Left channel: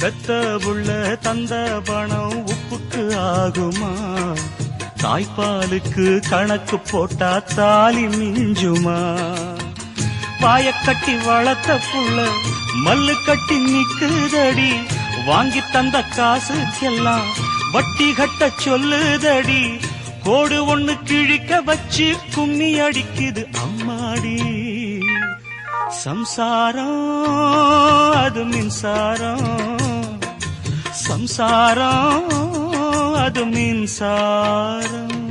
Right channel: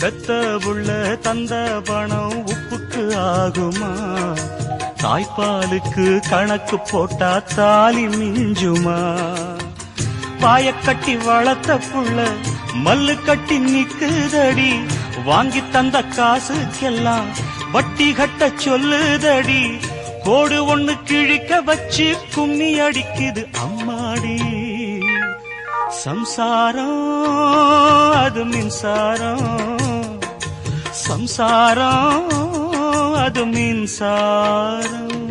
பெத்த புள்ள தந்த பணம் உப்புக்கு ஆகுமா? தாய்ப்பாலுக்கு கணக்கு போட்டா தாலி மிஞ்சுமா? பாயக்கட்டி வளர்த்த புள்ள மல்லு கட்டி நிக்குதடி, வாங்கி தந்த காசுக்கெல்லாம் வட்டி கட்ட சொல்லுதடி. கோடு ஒண்ணு கிழிக்க வச்சு கும்மி அடிக்குது அம்மாடி. சம்சாரம் அது மின்சாரம், சம்சாரம் அது மின்சாரம்.